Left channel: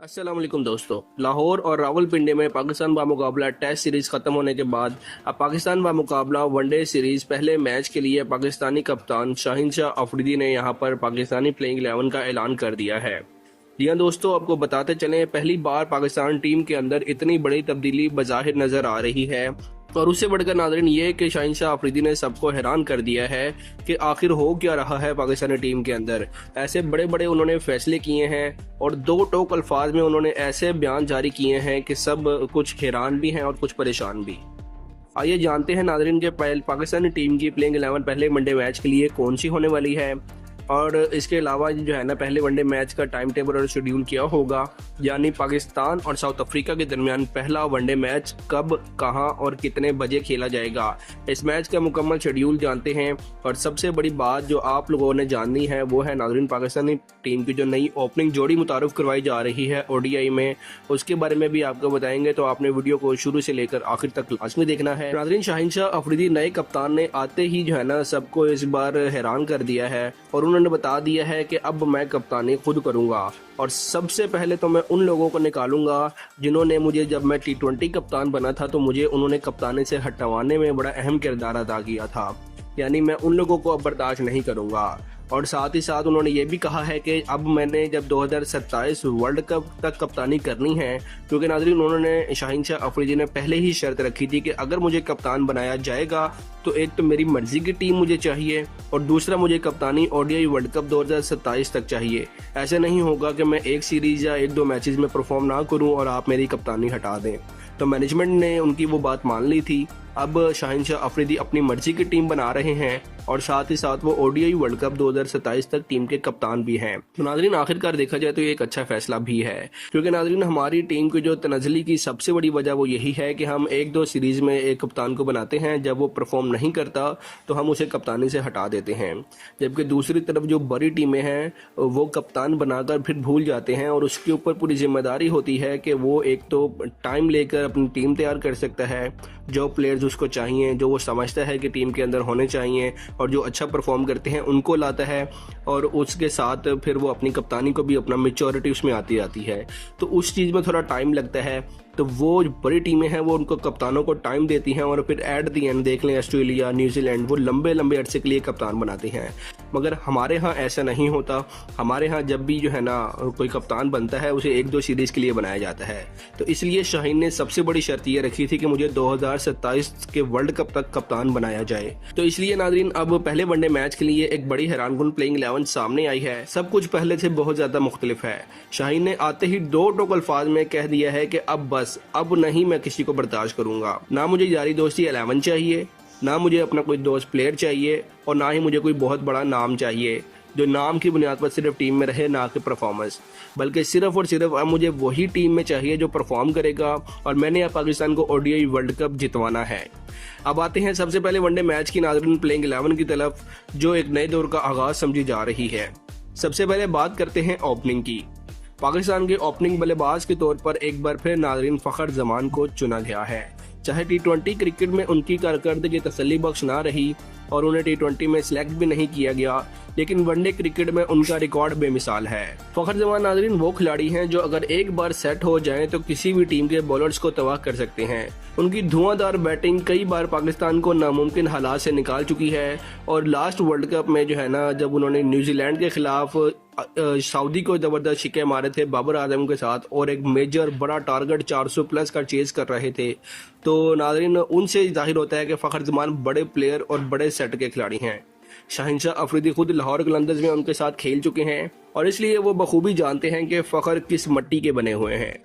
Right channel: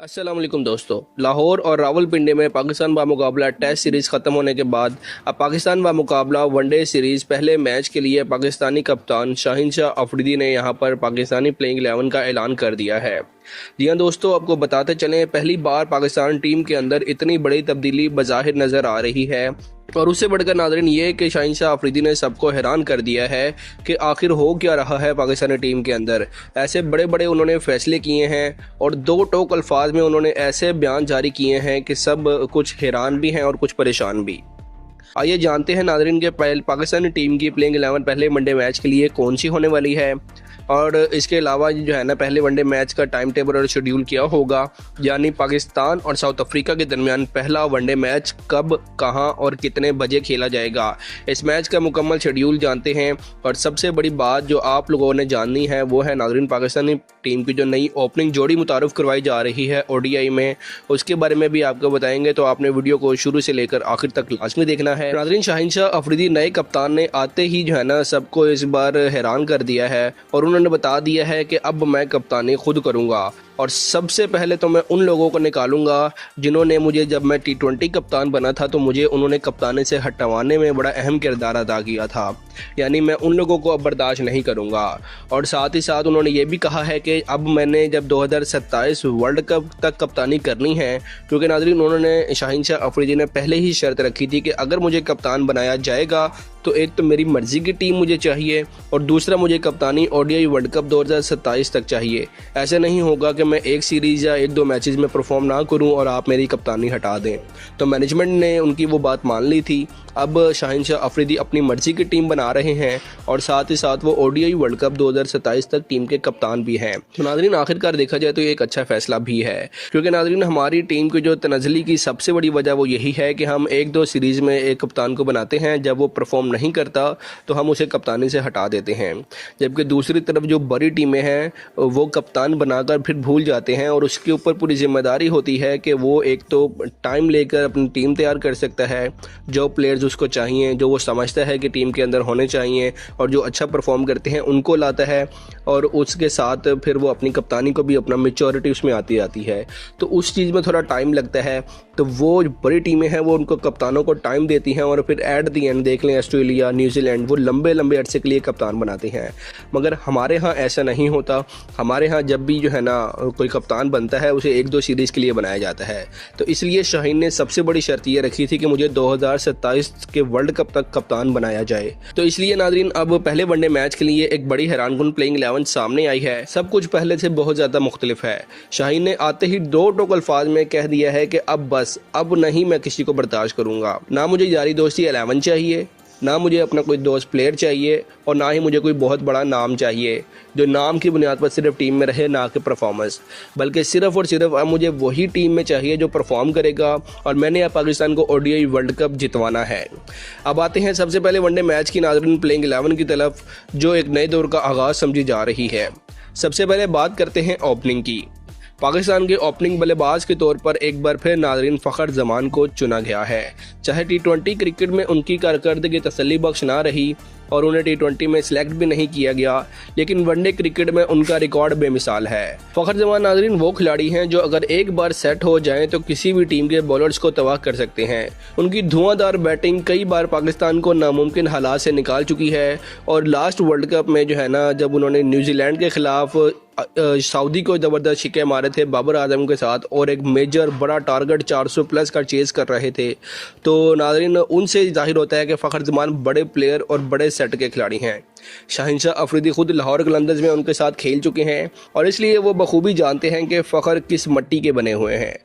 अस्सलाम वालेकुम दोस्तों। लाहौर और रावलपिंडी में पाकिस्तान बामुकाबला टेस्ट सीरीज़ ख़त्म होने के बाद अब पाकिस्तान बामुकाबला वनडे सीरीज़ पहले मैच के लिए पाकिस्तानी कप्तान शाहीन शाह अफरीदी ने यहां पर पाकिस्तानी प्लेइंग 11 का ऐलान कर दिया है। जी हाँ दोस्तों, आपको बताते चलें, पहली बार पाकिस्तान टीम के अंदर इतनी बड़ी तब्दीली बज़ाहिर नज़र आ रही है और उससे बढ़कर नाज़रीन ये कि शाहीन शाह अफरीदी ने सबको हैरान कर दिया है कि आखिर हो क्या रहा है पाकिस्तानी टीम के अंदर। ऐसे बड़े बड़े उन्होंने फैसले किए हैं और दो टोक अल्फाज में उन्होंने ऐसे बयान जारी किए हैं कि सब कुछ हैरान भी हैं और कुछ परेशान भी। आइए जानते हैं नाज़रीन के पाकिस्तानी टीम की प्लेइंग 11 पहले वनडे मैच के लिए कौन सी होने वाली है और इसके अलावा जो है ना पहले वनडे मैच का टाइम टेबल और शेड्यूल क्या होगा, यानी पाकिस्तान और साउथ अफ्रीका के दरमियान पहला वनडे मैच कब, कहां और कितने बजे खेला जाएगा। इस मैच का मुकम्मल शेड्यूल जानते हैं और सबसे बड़ी बात जो आप लोगों ने जाननी है वो है नाज़रीन पाकिस्तानी टीम की जो नई ओपनिंग जोड़ी मुतारफ़ करवाई जा रही है ओडीआई में, उसके बारे में भी आपको बताएंगे। तो आपने वीडियो को शुरू से लेकर आखिर तक लाजमी देखना है। नाज़रीन शाहीन शाह अफरीदी नए कप्तान ने आते ही जो है ना सबको इस बार हैरान कर दिया है और उन्होंने बता दिया है कि अब मैं कप्तानी खुद करूंगा और सबसे पहले तो मैं उन लोगों को निकालूंगा जिन्होंने मुझे, जब मैं T20 कप्तान बना था तो मुझे उन्होंने कप्तानी से हटवाने में बड़ा अहम किरदार अदा किया था, यानी मैं उन लोगों को अब बर्दाश्त नहीं करूंगा। और साथ ही साथ उन्होंने ये भी कहा है कि अब मैंने जब 2027 वर्ल्ड कप तक कप्तानी करनी है, क्योंकि नाज़रीन उन्होंने शाहीन शाह अफरीदी ने पहले ही शर्त रखी थी कि अगर मुझे कप्तान बनाया जाएगा तो एक तो मेरी मर्जी की टीम मुझे चाहिए और दूसरा मुझे कप्तानी ओडीआई वर्ल्ड कप 2027 तक चाहिए। ऐसे नहीं होगा कि मैं एक सीरीज़ या एक दो मैचेस में परफॉर्म ना करूं और आप मेरी कप्तानी हटा दें। तो मैनेजमेंट ने उनकी वो बात मान ली थी। अब शाहीन शाह अफरीदी अपनी मर्जी की टीम बना रहे हैं और साथ ही साथ वो ओडीआई वर्ल्ड कप 2027 तक टीम के कप्तान भी हैं। तो नाज़रीन आखिरकार देखा जाए तो ये एक अच्छा फैसला भी है, क्योंकि नाज़रीन हमारी टीम की जो तनज़ली की सबसे बड़ी वजह वो यही है कि हम एक दो सीरीज़ में एक कप्तान को बनाते हैं, जब वो परफॉर्म नहीं करता तो हम उसे कप्तानी से हटा देते हैं, जबकि दूसरी तरफ जो बड़ी टीमें हैं वो कप्तान बनाकर फिर भूल जाते हैं और उसके ऊपर पूरी जिम्मेदारी होती है कि वो एक तो टाइम लेकर अपनी टीम तैयार कर सकता है, जो प्लेयर्स उसको चाहिए, जो वो समझता है कि टीम के अंदर होने चाहिए और जो अच्छा परफॉर्म करते हैं उनको लाता है और उसके साथ फिर वो अपनी कप्तानी को भी अपना मैच्योरिटी उसमें आती आती है। तो उस चीज़ में थोड़ा टाइम लगता है, तो वो बड़ी टीमें हैं वो उनको कप्तानों को टाइम देती हैं और फिर एट दी एंड देख लें ऑस्ट्रेलिया, न्यूजीलैंड, वो लंबे लंबे अरसे के लिए कप्तान बनाते हैं। मगर हमारे यहाँ ऐसा नहीं होता। हमारे यहाँ जब भी जो है ना कोई कप्तान बनता है उसे एक दो सीरीज़ के लिए बनाया जाता है। तो इसलिए शाहीन ने सबसे बड़ी शर्त ये रखी थी कि मुझे 2027 के वर्ल्ड कप तक कप्तान बनाया जाए। तो इसलिए नाज़रीन अब पहले वनडे मैच के लिए एक बड़ी हैरानकुन प्लेइंग 11 सामने आई है। सब कुछ पहले से बहुत ज़्यादा मुख्तलिफ है। शाहीन ने आते ही दो टोक अल्फाज में कह दिया है कि अब नहीं मैं किसी को बर्दाश्त करूंगा। ना मुझे यारी दोस्ती 11 चाहिए, ना मुझे अपना कोई दोस्त प्लेयर चाहिए और ना ही मुझे कोई बहुत बड़ा नाम चाहिए जो नाम की बुनियाद पर सिर्फ टीम में रहे, ना कि परफॉर्मेंस, बल्कि सिर्फ और सिर्फ अब मुझे वही टीम में चाहिए जो परफॉर्म करेगा और मैंने अब पाकिस्तान को ओडीआई वर्ल्ड कप जितवाना है। अब आते हैं सबसे पहले वनडे मैच की नाज़रीन प्लेइंग 11 की तरफ, जो एक नए दौर का आगाज़ समझी जा रही है। सबसे पहले बात करते हैं ओपनिंग की। पाकिस्तान के ओपनिंग बल्लेबाज के तौर पर एक बार फिर नाज़रीन फ़खर जमान को चुना गया है। चाहे T20 क्रिकेट में उनकी कारकर्दगी तसल्ली बख्श ना रही और उन्हें T20 में सिलेक्ट भी नहीं किया गया, लेकिन वनडे क्रिकेट में उनका रिकॉर्ड बेमिसाल है। फ़खर जमान नाज़रीन वो खिलाड़ी हैं जो अगर एक बार सेट हो जाएं तो किसी भी टीम के बॉलर्स को तबाह कर सकते हैं। उनकी धुआंधार बैटिंग कई बार पाकिस्तान को नामुमकिन हालात से निकाल चुकी है और लास्ट वर्ल्ड कप में जो है ना जब उन्होंने न्यूजीलैंड के खिलाफ सऊदी को ज़बरदस्त शिक्के मारे थे बाबर आजम के साथ और एक मेजर बड़ा टारगेट 400 प्लस का चेज़ कर रहे थे, तो नाज़रीन उनसे जाहिर होता है कि फ़खर जमान बड़े प्लेयर और बड़े सेट के खिलाड़ी हैं। शाहीन शाह अफरीदी खुद लाहौर कलंदर्स में उनके साथ खेल चुके हैं और इसलिए वो बखूबी जानते हैं कि फ़खर किस मिट्टी के बने हुए हैं।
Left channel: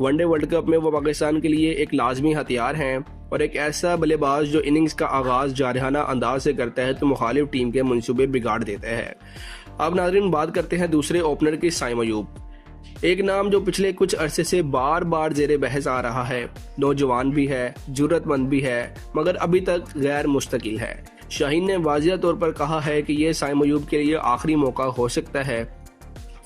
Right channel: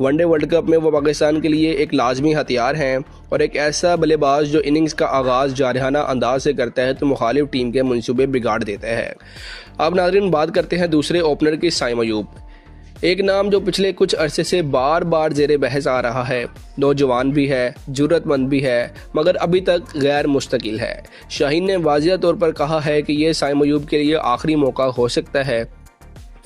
वनडे वर्ल्ड कप में वो पाकिस्तान के लिए एक लाजमी हथियार हैं और एक ऐसा बल्लेबाज जो इनिंग्स का आगाज़ जारहाना अंदाज से करता है तो मुखालिफ टीम के मंसूबे बिगाड़ देता है। अब नाज़रीन बात करते हैं दूसरे ओपनर की, साइम अयूब। एक नाम जो पिछले कुछ अरसे से बार बार जेरे बहस आ रहा है। नौजवान भी है, जुर्रतमंद भी है, मगर अभी तक गैर मुस्तकिल है। शाहीन ने वाज़िया तौर पर कहा है कि यह साइम अयूब के लिए आखिरी मौका हो सकता है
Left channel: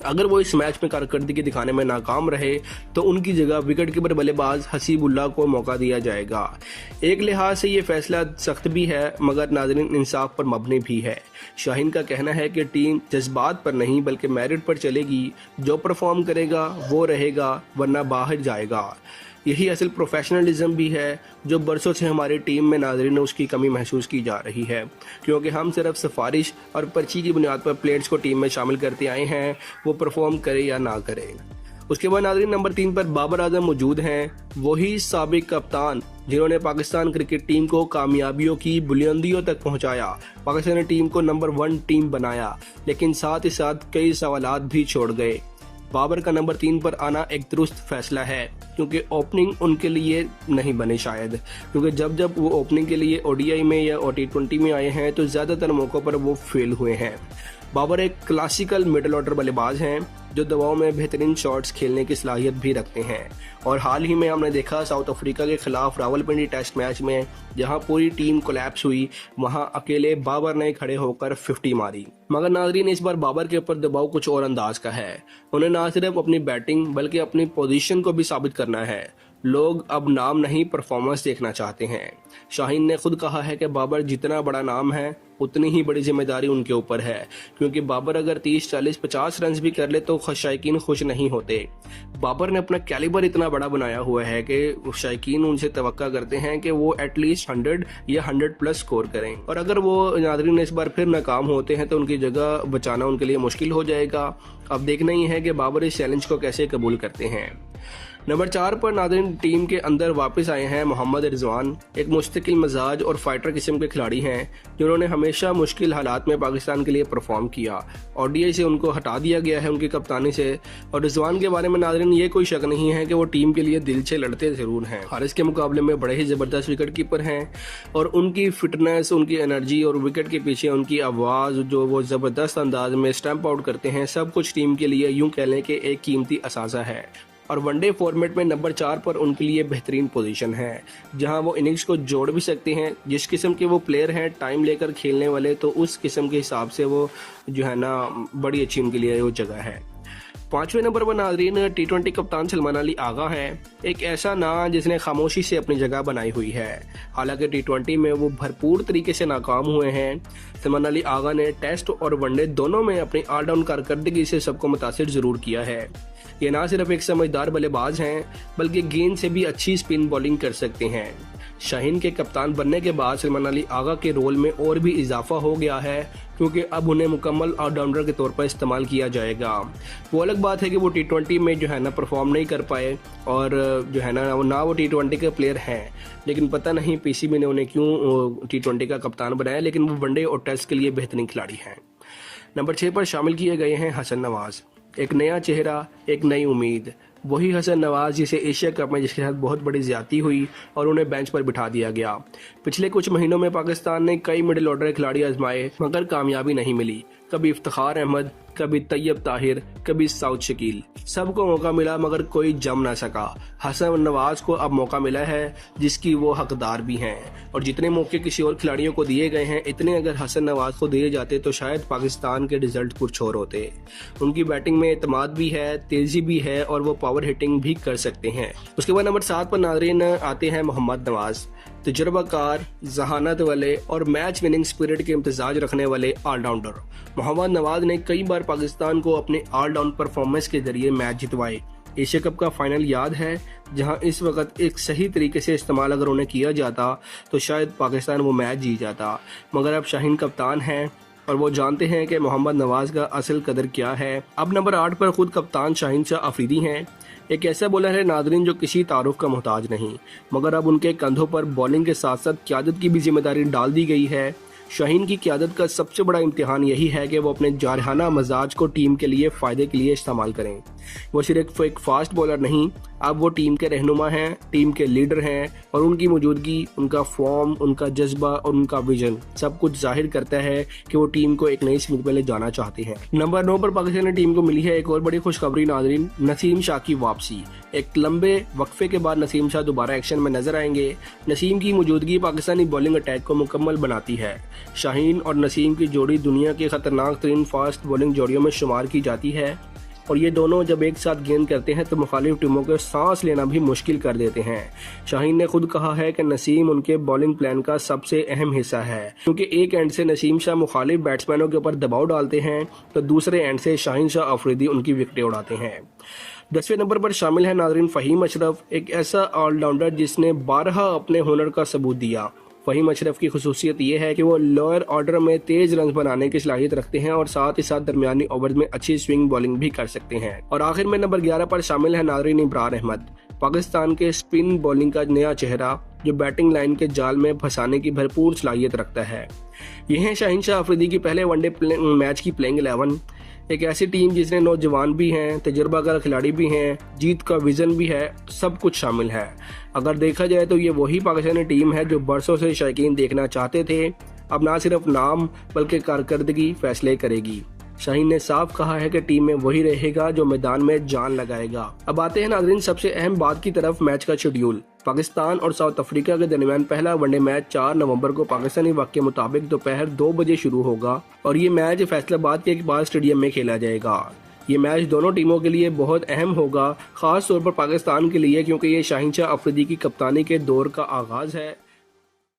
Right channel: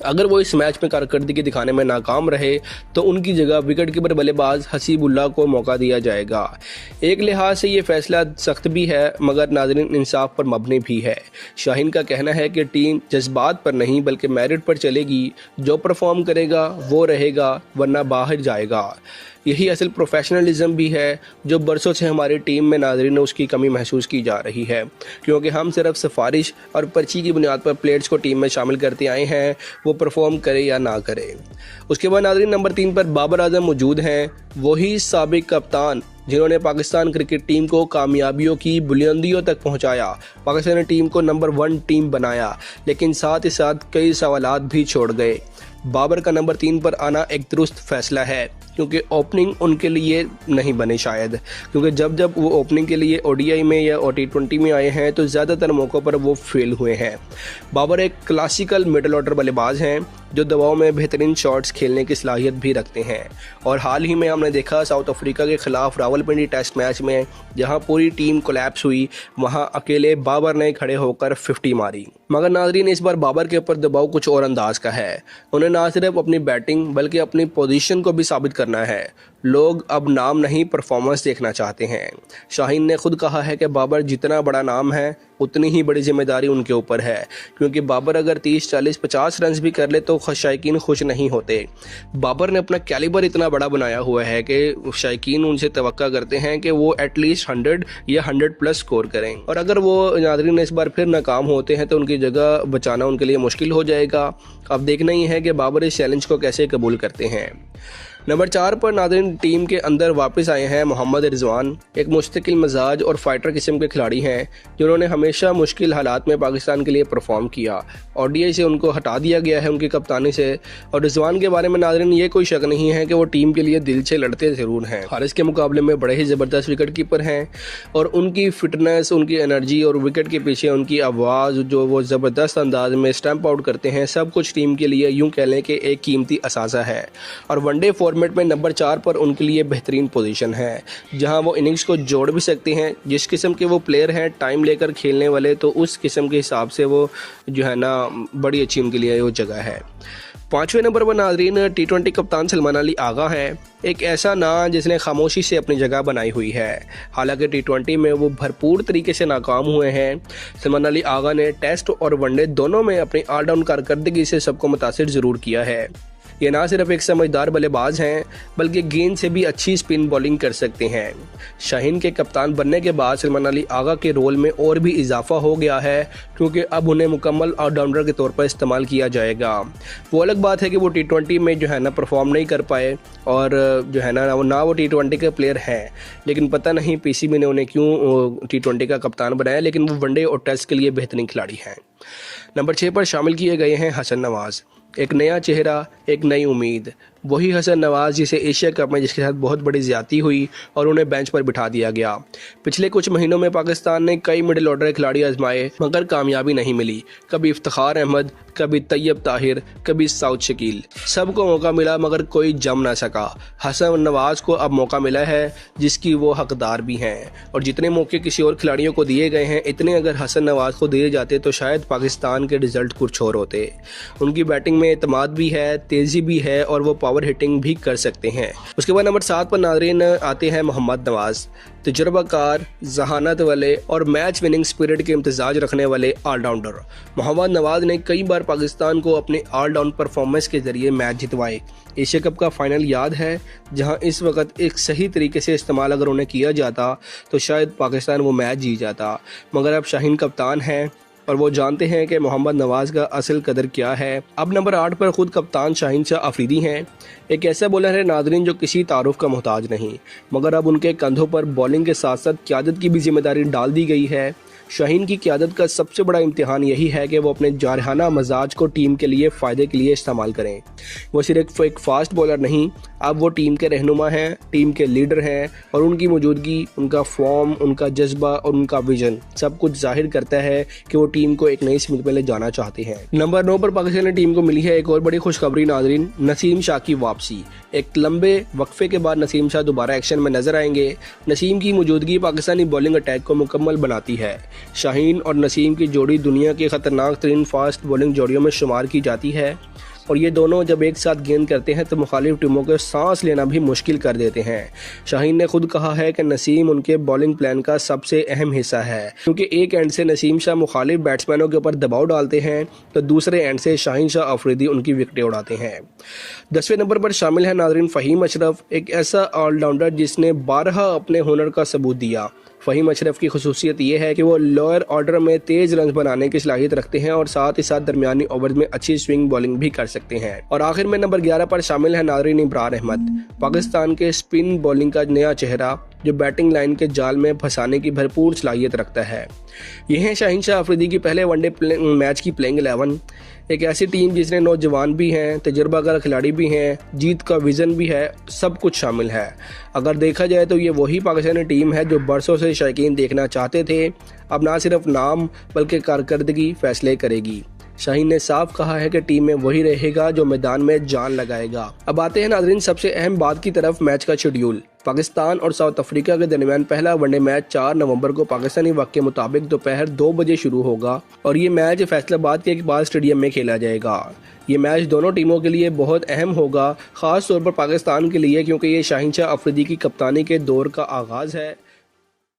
अगर वो इस मैच में कारकर्दगी दिखाने में नाकाम रहे तो उनकी जगह विकेटकीपर बल्लेबाज हसीबुल्लाह को मौका दिया जाएगा। एक लिहाज से ये फैसला सख्त भी है मगर नाज़रीन इंसाफ पर मबनी भी है। शाहीन का कहना है कि टीम जज्बात पर नहीं बल्कि मेरिट पर चलेगी, जो परफॉर्म करेगा वो रहेगा वरना बाहर जाएगा। यही असल प्रोफेशनलिज्म भी है जो बरसों से हमारी टीम में नाज़रीन उसकी कमी महसूस की जा रही है, क्योंकि हम सिर्फ सिफारिश और पर्ची की बुनियाद पर प्लेयर्स को टीम में शामिल करते आए हैं, वो परफॉर्म करे या ना करे। उसके बाद नाज़रीन नंबर 3 पर बाबर आजम मौजूद हैं, वही साबिक कप्तान जिन्होंने पाकिस्तान क्रिकेट टीम को कामयाबियों की बुलंदियों तक पहुंचाया, पाकिस्तानी टीम को नंबर 1 टीम बनाया, लेकिन साथ ही साथ कई सवालात भी छोड़ गए। बाबर का नंबर 3 पर आना एक दुरुस्त फैसला है, क्योंकि ओपनिंग उनके लिए नहीं बने शायद, क्योंकि जब जब वो ओपनिंग के लिए ओडीआई में या T20 में आए हैं तो ज़्यादातर मौक़ों पर वो फेल हुए हैं। बाबर एक क्लासिकल मिडल ऑर्डर बल्लेबाज हैं जो दबाव में बेहतरीन शॉट्स खेलने की सलाहियत भी रखते हैं, और हाल ही में हमने देखा साउथ अफ्रीका के खिलाफ रावलपिंडी टेस्ट मैच में जहां पूरी टीम कोलैप्स हुई, वहां अकेले बाबर ने खड़े होकर 50 मारी। मगर नाज़रीन इस बार बाबर के ऊपर दबाव कुछ और अंदाज का है। उन्हें ना सिर्फ अपनी बैटिंग बल्कि अपनी पोजीशन को भी साबित करना है। लोग अब नाम नहीं परफॉर्मेंस देखना चाहते हैं। शाहीन ने खुद कहा है कि बाबर जितना बड़ा नाम है उतनी ही बड़ी जिम्मेदारी उनके ऊपर है, क्योंकि बाबर अगर 30, 40, 50 रन भी कर ले तो शायकीन खुश नहीं होते। बाबर ने अपना कैलिबर इतना बड़ा बनाया हुआ है कि शायकीन उनसे तवक्का करते हैं कि वो एटलीस्ट 100 या 100+ स्कोर करें, और अगर वो नाज़रीन इस बार फिर नाकाम होते हैं तो उनकी जगह बचाना उनके लिए मुश्किल हो जाएगा। अब देखना ही है कि बाबर इस चैलेंज को कैसे कबूल करते हैं। नंबर 4 पर नाज़रीन टीम के अंदर वापस आए हैं मोहम्मद रिजवान, एक मुस्तकिल मिजाज और फाइटर किस्म के खिलाड़ी हैं जिन्होंने हमेशा मुश्किल हालात में पाकिस्तान के लिए परफॉर्म किया। ओडीआई से उनको हटा दिया गया है उनकी कप्तानी से, और रिजवान के बारे में नाज़रीन ये कोई शक नहीं है कि वो टीम के लिए दिल से लड़ते ज़रूर हैं। हारिस के मुकाबले में बड़े ही ज़बरदस्त विकेट कीपर हैं, और उनकी फिटनेस, उनकी एनर्जी और विकेट के पीछे उनकी आवाज़ जो वो ज़बरदस्त अंदाज में स्टैंप आउट करते हैं, सब कुछ टीम के लिए यूँ कह लें कि एक कीमती असासा है। और वनडे फॉर्मेट में नंबर 4 पर उनके लिए बेहतरीन पोजीशन है, जहां वो इनिंग्स को जोड़ भी सकते हैं। जिस किस्म के वो प्लेयर हैं टाइम लेकर खेलने वाले, तो उस किस्म के हिसाब से वो जो है ना बड़ी अच्छी उनके लिए वो जगह है। 5वें नंबर पर नाज़रीन T20 कप्तान सलमान अली आगा हैं, एक ऐसा नाम जिसने खामोशी से अपनी जगह बनाई हुई है। हालांकि T20 में वो भरपूर तरीके से नाकाम हुए हैं। सलमान अली आगा ने टेस्ट और वनडे दोनों में अपनी ऑलराउंड कारकर्दगी से सबको मुतासिर ज़रूर किया है। ये ना सिर्फ एक समझदार बल्लेबाज हैं बल्कि गेंद से भी अच्छी स्पिन बॉलिंग कर सकते हैं। शाहीन के कप्तान बनने के बाद सलमान अली आगा के रोल में और भी इजाफा हो गया है, क्योंकि अब उन्हें मुकम्मल ऑलराउंडर के तौर पर इस्तेमाल किया जाएगा। वो अलग बात है कि वो T20 में जो है ना परफॉर्म नहीं कर पाए, और जो है ना वो T20 के प्लेयर हैं, लेकिन पता नहीं PCB ने उन्हें क्यों T20 का कप्तान बनाया, लेकिन वो वनडे और टेस्ट के लिए बेहतरीन खिलाड़ी हैं। नंबर 6 पर शामिल किए गए हैं हसन नवाज, एक नया चेहरा, एक नई उम्मीद। वही हसन नवाज जिसे एशिया कप में जिसके साथ बहुत बड़ी ज्यादती हुई और उन्हें बेंच पर बिठा दिया गया। पिछले कुछ महीनों में पाकिस्तान ने कई मिडिल ऑर्डर खिलाड़ी आजमाए मगर कामयाबी नहीं मिली। कभी इफ्तिखार अहमद, कभी तैयब ताहिर, कभी साउद शकील, सबको मौका मिला मगर कोई जम ना सका। हसन नवाज को अब मौका मिला है जिसकी वो हकदार भी हैं, और जितने मौके किसी और खिलाड़ियों को दिए गए हैं इतने अगर हसन नवाज को दिए जाते तो शायद पाकिस्तान के रिजल्ट कुछ और होते। उनकी बैटिंग में एतमाद भी है, तेज़ी भी है, और वो पावर हिटिंग भी कर सकते हैं। उसके बाद नंबर 7 पर नाज़रीन आते हैं मोहम्मद नवाज, तजुर्बाकार, जहानत वाले और मैच विनिंग स्पिरिट के इम्तिजाज रखने वाले ऑलराउंडर। मोहम्मद नवाज ने कई बार पाकिस्तान को अपने ऑलराउंड परफॉर्मेंस के जरिए मैच जितवाए। एशिया कप का फाइनल याद है, जहां इस वक्त एक सही तरीके से इस्तेमाल अगर उन्हें किया जाता तो शायद पाकिस्तान वो मैच जीत जाता। मगर अब शाहीन कप्तान हैं और वो जानते हैं कि मोहम्मद नवाज का असल कदर क्या है। अब नंबर 8 पर खुद कप्तान शाहीन शाह अफरीदी हैं, एक ऐसा बॉलर है नाज़रीन जो किसी तारुफ का मोहताज नहीं, मगर अब उनके कंधों पर बॉलिंग के साथ साथ क़यादत की भी जिम्मेदारी डाल दी गई है। शाहीन की क़यादत का सबसे बड़ा इम्तिहान यही है कि वो अपने जारहाना मजाज को टीम के लिए फ़ायदे के लिए इस्तेमाल करें। वो सिर्फ एक फास्ट बॉलर नहीं, अब वो टीम के रहनुमा हैं, टीम के लीडर हैं और उनकी मौजूदगी, उनका फॉर्म, उनका जज्बा और उनका विजन सब कुछ जाहिर करता है कि वो टीम को एक नई स्मित में ले जाना चाहते हैं। नंबर 9 पर पाकिस्तानी टीम को मिली है एक और बड़ी खुशखबरी नाजरीन, नसीम शाह की वापसी। एक लंबे वक्फे के बाद नसीम शाह दोबारा एक्शन में नजर आएंगे। नसीम की मौजूदगी पाकिस्तानी बॉलिंग अटैक को मुकम्मल बनाती है। शाहीन और नसीम की जोड़ी दुनिया के खतरनाक तरीन फास्ट बॉलिंग जोड़ियों में शुमार की जाती है और ये दोनों जब एक साथ गेंद करते हैं तो मुखालिफ टीमों को सांस लेना भी मुश्किल कर देते हैं। शाहीन ने खुद कहा है कि नसीम उनके बॉलिंग प्लान का सबसे अहम हिस्सा है, क्योंकि एक एंड से नसीम शाह मुखालिफ बैट्समैनों के ऊपर दबाव डालते हैं तो दूसरे एंड से शाहीन शाह अफरीदी उनकी विकेटें उड़ाते हैं। 10वें नंबर पर शामिल है नाजरीन फ़हीम अशरफ, एक ऐसा ऑलराउंडर जिसने 12 अपने हुनर का सबूत दिया। फ़हीम अशरफ की खुसूसियत ये है कि वो लोअर ऑर्डर में तेज रन बनाने की सलाहियत रखते हैं और साथ ही साथ दरमियानी ओवर में अच्छी स्विंग बॉलिंग भी कर सकते हैं। और आखिर में नंबर 11 पर शामिल है नाजरीन इमरान अहमद, पाकिस्तान के स्पिन बॉलिंग का नया चेहरा जो बैटिंग लाइन के जाल में फंसाने की भरपूर सलाहियत रखता है। यह है शाहीन शाह अफरीदी की पहले वनडे मैच की प्लेइंग 11। एक ऐसी टीम जिसने नौजवान भी हैं, तजुर्बाकार खिलाड़ी भी हैं, जीत का विजन भी है, सब कुछ शामिल है। अगर देखा जाए तो ये वही पाकिस्तानी टीम है जो बरसों से शायकीन देखना चाहते थे। अब ना सिर्फ नाम बल्कि कारकर्दगी फैसले करेगी। शाहीन ने साफ कहा है कि टीम में वही रहेगा जो मैदान में जान लगाएगा। अब आते हैं नाजरीन सबसे अहम बात की तरफ, मैच का शेड्यूल। पाकिस्तान और साउथ अफ्रीका के दरमियान पहला वनडे मैच 4 नवंबर को पाकिस्तानी वक्त के मुताबिक दोपहर 2 बजे शुरू होगा और ये मैच फैसलाबाद के इकबाल स्टेडियम में खेला जाएगा। ये मैच दोनों टीमों के लिए बहुत अहम होगा, खास तौर पर पाकिस्तान के लिए, क्योंकि ये शाहीन शाह अफरीदी की कप्तानी के दौर का आगाज है।